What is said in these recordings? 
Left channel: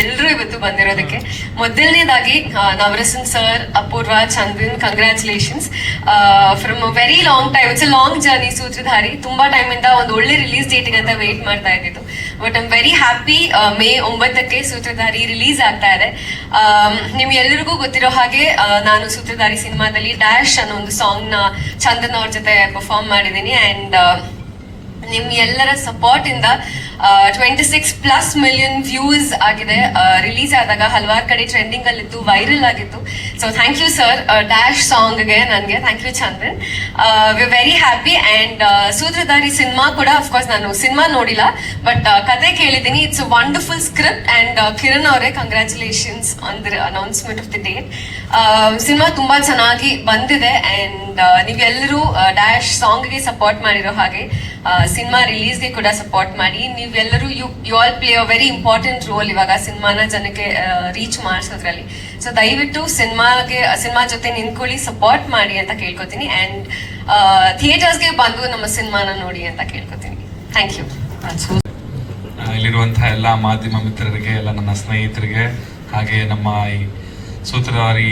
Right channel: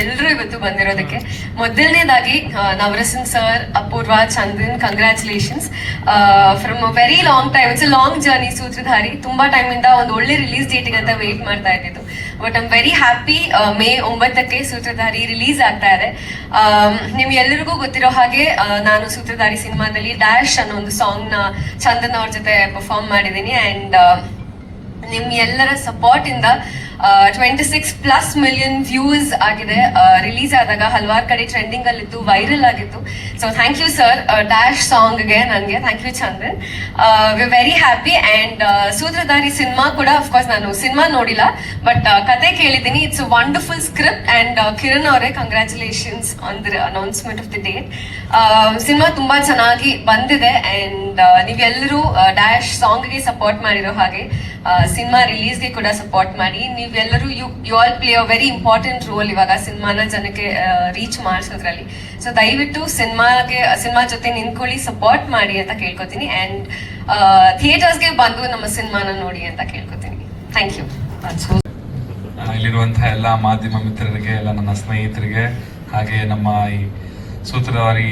ಎಲ್ಲರೂ ಇವತ್ತು ಬಂದಿರೋದಕ್ಕೆ. ಮೊದಲನೇದಾಗಿ Navarasan sir, Apoorva, Chandran congratulations from very long time it's long journey Sutradhari. ತುಂಬಾ ಟೈಮ್ ಇಂದ ಒಂದು ಒಳ್ಳೆ ರಿಲೀಸ್ ಡೇಟ್ ಅಂತ ವೇಟ್ ಮಾಡ್ತಾ ಇದ್ದಿದ್ದು. But I'm very happy May ಒಂಬತ್ತಕ್ಕೆ ಸೂತ್ರಧಾರಿ ರಿಲೀಸ್ ಆಗ್ತಾ ಇದೆ. ನಿಮ್ ಎಲ್ಲರಿಗೂ ಗೊತ್ತಿರೋ ಹಾಗೆ ನಾನು ಸೂತ್ರಧಾರಿ ಸಿನಿಮಾದಲ್ಲಿ ಡ್ಯಾಶ್ ಅನ್ನೋ ಒಂದು ಸಾಂಗ್ನ ಚಂದನ್ ಅವ್ರ ಜೊತೆ ಪರ್ಫಾರ್ಮ್ ಮಾಡಿದ್ದೀನಿ. ಅಂಡ್ ನಿಮ್ ಎಲ್ಲರ ಸಪೋರ್ಟ್ ಇಂದ twenty six plus million views ಆಗಿದೆ. ರಿಲೀಸ್ ಆದಾಗ ಹಲವಾರು ಕಡೆ ಟ್ರೆಂಡಿಂಗ್ ಅಲ್ಲಿತ್ತು ವೈರಲ್ ಆಗಿತ್ತು. So thank you sir dash ಸಾಂಗ್ಗೆ ನನಗೆ. Thank you Chandran we very happy and Sutradhari cinema ಕೂಡ ಅಫ್ಕೋರ್ಸ್ ನಾನು ಸಿನಿಮಾ ನೋಡಿಲ್ಲ ಬಟ್ ಕತೆ ಕೇಳಿದ್ದೀನಿ. It's wonderful script and Kiran ಅವರೇ congratulations on the announcement of the date cinema ತುಂಬಾ ಚೆನ್ನಾಗಿ ಬಂದಿದೆ ಅಂಡ್ ನೀವೆಲ್ಲರೂ ಡ್ಯಾಶ್ ಸಾಂಗ್ಗೆ ಸಪೋರ್ಟ್ ಮಾಡಿರೋ ಹಾಗೆ ಸಿನಿಮಾ ರಿಲೀಸ್ಗೆ ಕೂಡ ಸಪೋರ್ಟ್ ಮಾಡಿ. ನೀವೆಲ್ಲರೂ you you all play a very important role ಇವಾಗ ಸಿನಿಮಾನ ಜನಕ್ಕೆ ರೀಚ್ ಮಾಡಿಸೋದ್ರಲ್ಲಿ. ಸೊ ದಯವಿಟ್ಟು ಸಿನಿಮಾಗೆ, ಸಿನಿಮಾ ಜೊತೆ ನಿಂತ್ಕೊಳ್ಳಿ ಸಪೋರ್ಟ್ ಮಾಡಿ ಅಂತ ಕೇಳ್ಕೊತೀನಿ. ಅಂಡ್ ಥಿಯೇಟರ್ಸ್ಗೆ ಬಂದು ನಮ್ಮ ಸಿನಿಮಾನ ನೋಡಿ ಅಂತ ಕೇಳ್ಕೊತೀನಿ. ಥ್ಯಾಂಕ್ ಯು ಇಲ್ಲಿರುವಂತಹ ಎಲ್ಲ ಮಾಧ್ಯಮ ಮಿತ್ರರಿಗೆ, ಎಲ್ಲ ನನ್ನ ಸ್ನೇಹಿತರಿಗೆ, ಹಾಗೆ ನಮ್ಮ ಈ ಸೂತ್ರಧಾರಿ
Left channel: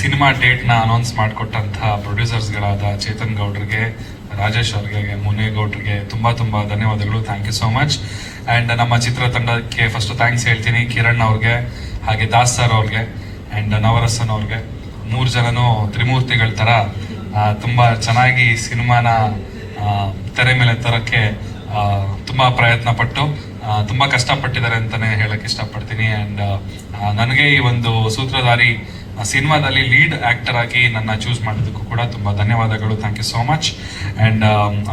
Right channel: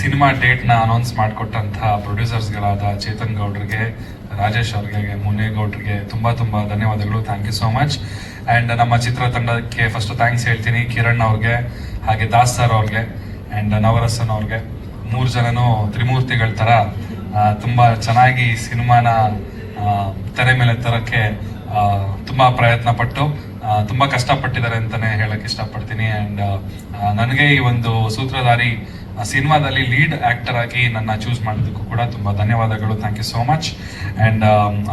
ಸಿನಿಮಾ ಡೇಟ್ನ ಅನೌನ್ಸ್ ಮಾಡಿಕೊಟ್ಟಂತಹ ಪ್ರೊಡ್ಯೂಸರ್ಸ್ಗಳಾದ ಚೇತನ್ ಗೌಡ್ರಿಗೆ ರಾಜೇಶ್ ಅವ್ರಿಗೆ, ಮುನೇಗೌಡ್ರಿಗೆ ತುಂಬ ತುಂಬ ಧನ್ಯವಾದಗಳು. Thank you so much and ನಮ್ಮ ಚಿತ್ರತಂಡಕ್ಕೆ ಫಸ್ಟ್ ಥ್ಯಾಂಕ್ಸ್ ಹೇಳ್ತೀನಿ. ಕಿರಣ್ ಅವ್ರಿಗೆ, ಹಾಗೆ ದಾಸ್ ಸರ್ ಅವ್ರಿಗೆ ಆ್ಯಂಡ್ ನವರಸನ್ ಅವ್ರಿಗೆ. ಮೂರು ಜನನೂ ತ್ರಿಮೂರ್ತಿಗಳ ಥರ ತುಂಬ ಚೆನ್ನಾಗಿ ಸಿನಿಮಾನ ತೆರೆ ಮೇಲೆ ತರಕ್ಕೆ ತುಂಬ ಪ್ರಯತ್ನ ಪಟ್ಟು ತುಂಬಾ ಕಷ್ಟಪಟ್ಟಿದ್ದಾರೆ ಅಂತಾನೆ ಹೇಳಕ್ ಇಷ್ಟಪಡ್ತೀನಿ. ಅಂಡ್ ನನಗೆ ಈ ಒಂದು ಸೂತ್ರಧಾರಿ ಸಿನಿಮಾದಲ್ಲಿ ಲೀಡ್ ಆಕ್ಟರ್ ಆಗಿ ನನ್ನ ಚೂಸ್ ಮಾಡಿದ್ದಕ್ಕೂ ಕೂಡ ತುಂಬಾ ಧನ್ಯವಾದಗಳು. Thank you so much and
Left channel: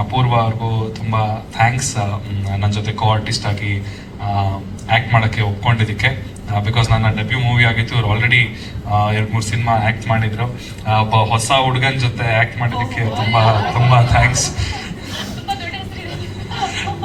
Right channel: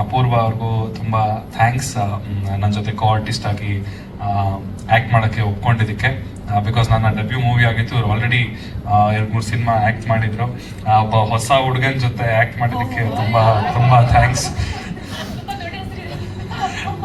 Apoorva ಅವ್ರಿಗೂ ತುಂಬಾ ಥ್ಯಾಂಕ್ಸ್ ನನ್ನ ಜೊತೆ ಕೋ ಆರ್ಟಿಸ್ಟ್ ಆಗಿ ಆಕ್ಟ್ ಮಾಡಕ್ಕೆ ಒಪ್ಕೊಂಡಿದ್ದಕ್ಕೆ. ಬಿಕಾಸ್ ನನ್ನ ಡೆಬ್ಯೂ ಮೂವಿ ಆಗಿತ್ತು. ಅವ್ರು ಆಲ್ರೆಡಿ ಎರಡು ಮೂರು ಸಿನಿಮಾ ಆಕ್ಟ್ ಮಾಡಿದ್ರು. ಒಬ್ಬ ಹೊಸ ಹುಡುಗನ ಜೊತೆ ಆಕ್ಟ್ ಮಾಡೋದಕ್ಕೆ ತುಂಬಾ ತುಂಬಾ ಥ್ಯಾಂಕ್ಸ್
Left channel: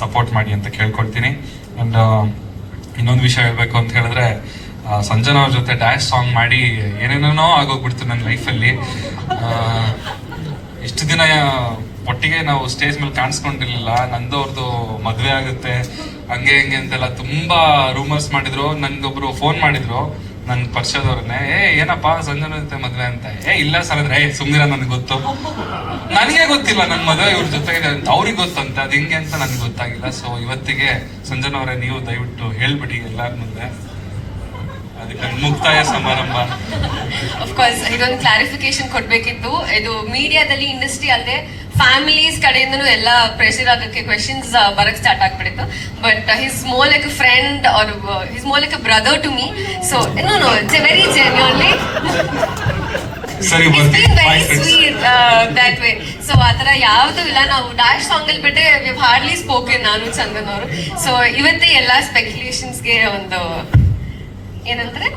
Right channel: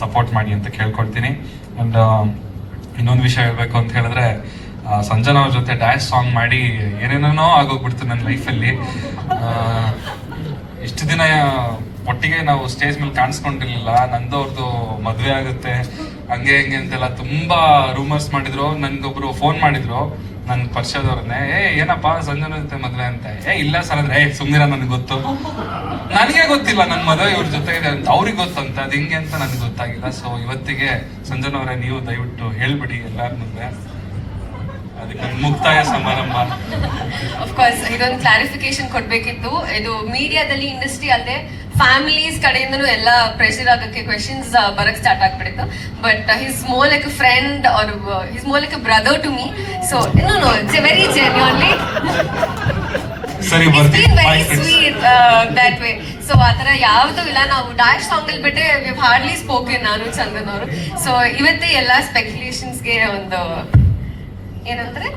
ಸಪೋರ್ಟ್ ಮಾಡಿ ಅಂತ ಕೇಳ್ಕೊಳ್ತೀನಿ. ಅಂಡ್ ಇನ್ನೊಂದು ವಿಷಯ ಹೇಳಬೇಕು ಅಂತ ಹೇಳಿದ್ರೆ ಸಂಜನಾ ಅವ್ರ ಜೊತೆ ಡ್ಯಾನ್ಸ್ ಸಾಂಗ್ ಮಾಡಿ ಏನೇನೋ ಆಗೋಗ್ಬಿಡ್ತು ನನ್ನ ಲೈಫಲ್ಲಿ ಇಷ್ಟು ದಿನ ಒಟ್ಟಿಗೆ ನಾವು ಸ್ಟೇಜ್ ಮೇಲೆ ಕಾಣಿಸ್ಕೊಂಡಿರ್ಲಿಲ್ಲ. ನಂದು ಅವ್ರದ್ದು ಮದ್ವೆ ಆಗುತ್ತೆ. ಹಂಗೆ ಹಿಂಗೆ ಅಂತೆಲ್ಲ ತುಂಬಾ ರೂಮರ್ಸ್ ಮಾಡಿದ್ರು. ನನ್ಗೊಬ್ರು ಫೋನ್ ಮಾಡಿದ್ರು. ನನ್ ಪರಿಚಯದವ್ರನ್ನೇ ಏ, ಏನಪ್ಪ, ಸಂಜನ ಜೊತೆ ಮದ್ವೆ ಅಂತ? ಏ, ಇಲ್ಲ ಸರ್, ಅಂದ್ರೆ, ಏ, ಸುಮ್ನಿರ, ನನಗೆ ಗೊತ್ತು. ನನಗೆ ಗೊತ್ತಿಲ್ಲ ನನ್ನ ಮದುವೆ ಇವ್ರ ಜೊತೆ ಇದೆ ಅಂತ. ಅವ್ರಿಗೆ ಗೊತ್ತಂತ ಅದು ಹಿಂಗೆ ಅಂತ ನನಗೆ ಗೊತ್ತಾಗಿಲ್ಲ. ಸೊ ಇವತ್ತಿಗೆ ಸಂಜನ ಅವರೇ, ನೀವು ದಯವಿಟ್ಟು ಹೇಳ್ಬಿಡಿ ಎಲ್ಲಾರ ಮುಂದೆ. ಮುಕ್ತಾಯ ಸಮಾರಂಭ. ಕ್ಲಾರಿಫಿಕೇಶನ್ ಕೊಡ್ಬೇಕಿತ್ತು. ಇದು ಮೀಡಿಯಾದಲ್ಲಿ ಇಂಡಸ್ಟ್ರಿ ಅಲ್ಲದೆ ಫ್ಯಾಮಿಲೀಸ್ ಕಡೆಯಿಂದನೂ ಎಲ್ಲ ಪ್ರೆಷರ್ ಆಗಕ್ಕೆ ಕ್ವೆಶನ್ಸ್ ಬರಕ್ ಸ್ಟಾರ್ಟ್ ಆಗ್ಬಿಟ್ಟಿತ್ತು. But his more like friend or his more like brother to me so no no it's very genuinely ಸರಿ way. ಸೊ ಆತರ ಯಾವ್ದು ಇಲ್ಲ. ನಾವು ಡ್ಯಾಶ್ ಸಾಂಗ್ ಅಲ್ಲಿ ಬಿಟ್ಟೆ ವಿ ಹಾರ್ಡ್ಲಿ ಸ್ಪೋಕನ್ ನಾನು ಚಂದನ್ ಅವರು. ಸೊ ಇವತ್ತೇ ಎಲ್ಲಾ ಸ್ಪೆಕ್ಯುಲೇಷನ್ಸ್ಗೆ ಒಂದು ಏನಂದ್ರೆ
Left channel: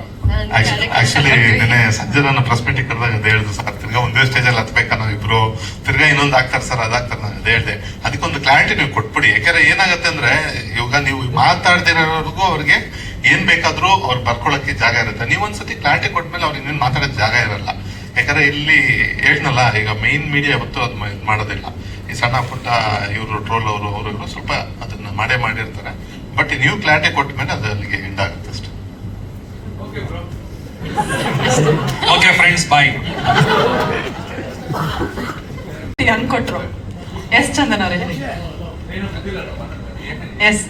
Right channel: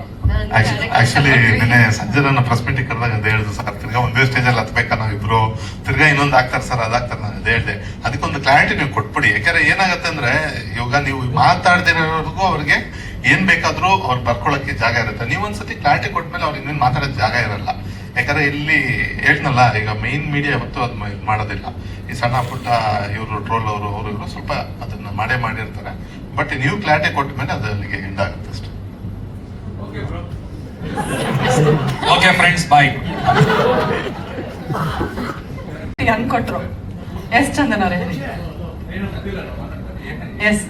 ಆಕ್ಚುಲಿ ನಿನ್ನೆ ಸಂಜೆ ನನ್ನ ಪ್ರೆಸ್ ಮೀಟಿಂಗ್ ಕರೆದಾಗ ಅದೇ ಹೇಳ್ದು ಸರ್, ತಿರ್ಗಾ ಒಂದೇ ಸ್ಟೇಜ್ ಅಲ್ಲಿ ಹತ್ಬೇಕಾ ನಾವು ಇಬ್ರು? ತಿರ್ಗಾ ಇನ್ನೊಂದು ಆಗ್ತಾರೆ, ಸರ್ ಅದಾಗ್ತಾರೆ ನಾನು ಅದೇ ಹೇಳಿದೆ. ಅದಕ್ಕೊಂದು ಕ್ಲಾರಿಟಿ ನೀವು ಕೊಟ್ಬಿಡಿ. ಯಾಕಂದ್ರೆ ಏನಾಗುತ್ತೆ ಅಂದ್ರೆ, ಇವಾಗ ನೀವು ಮಾತಾಡದಿರೋರ್ಗೂ ಅವ್ರಿಗೆ ಏನ್ ಬೇಕಾದ್ರೂ ಅವ್ರು ಬರ್ಕೊಳಕ್ಕೆ ಜಾಗ ಇರುತ್ತೆ. ನೀವೊಂದ್ಸತಿ ಕ್ಲಾರಿಟಿ ಕೊಟ್ಮೇಲೆ ಅವ್ರಿಗೆ ಇನ್ನೇನು ಮಾತಾಡೋಕೆ ಜಾಗ ಇರಲ್ಲ. ಯಾಕಂದ್ರೆ ಇಲ್ಲಿ ಹೇಳ್ನಲ್ಲ ಈಗ ಮೈನ್ ಮೀಡಿಯಾ ಯಾವತ್ತೂ ಅದು ಮಾಡೋದಿಲ್ಲ. ಈ ಸಣ್ಣ ಪುಟ್ಟ ಇವರು ಟ್ರೋಲ್ ಅವರು ಅವರು ಸ್ವಲ್ಪ ಅದನ್ನ ಮಾಡೇ ಮಾಡಿರ್ತಾರೆ. ಬಟ್ ನೀವು ಕ್ಲಾರಿಟಿ ಕೊಟ್ಟ ಮೇಲೆ ಅದು ಅಲ್ಲಿಗೆ ಎಂಡ್ ಆಗುತ್ತೆ. ಓಕೆ ಫ್ರೆಂಡ್ಸ್ ಬಾಯ್ ಹಂಗ್ ಕೊಟ್ರು ಎಸ್ ಚಂದನ್ ಅವರೇ ಎಸ್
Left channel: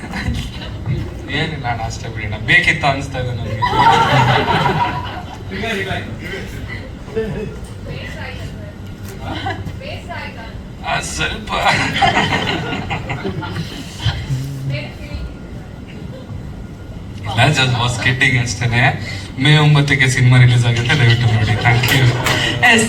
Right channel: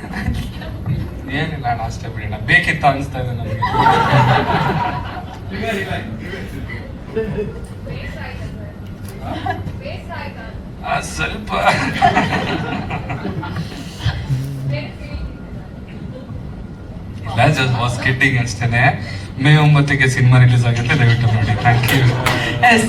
ಏನಿಲ್ಲ ಅಣ್ಣ ಅಷ್ಟೇ ಬಿಡೋಣ ಬೇಕಿತ್ತ ಅನಿಸ್ತಾ ಇದೆ ನನಗೆ. ಸ್ವಲ್ಪ. ಜಸ್ಟ್ ವಾಸ್ ಕಿಡ್ಡಿಂಗ್ ಅಷ್ಟೇನೆ ಮೇ ಒಂಬತ್ತಕ್ಕೆ ಸಿನಿಮಾ ರಿಲೀಸ್ ಆಗುತ್ತೆ ದಯವಿಟ್ಟು ನೋಡಿ. Thank U S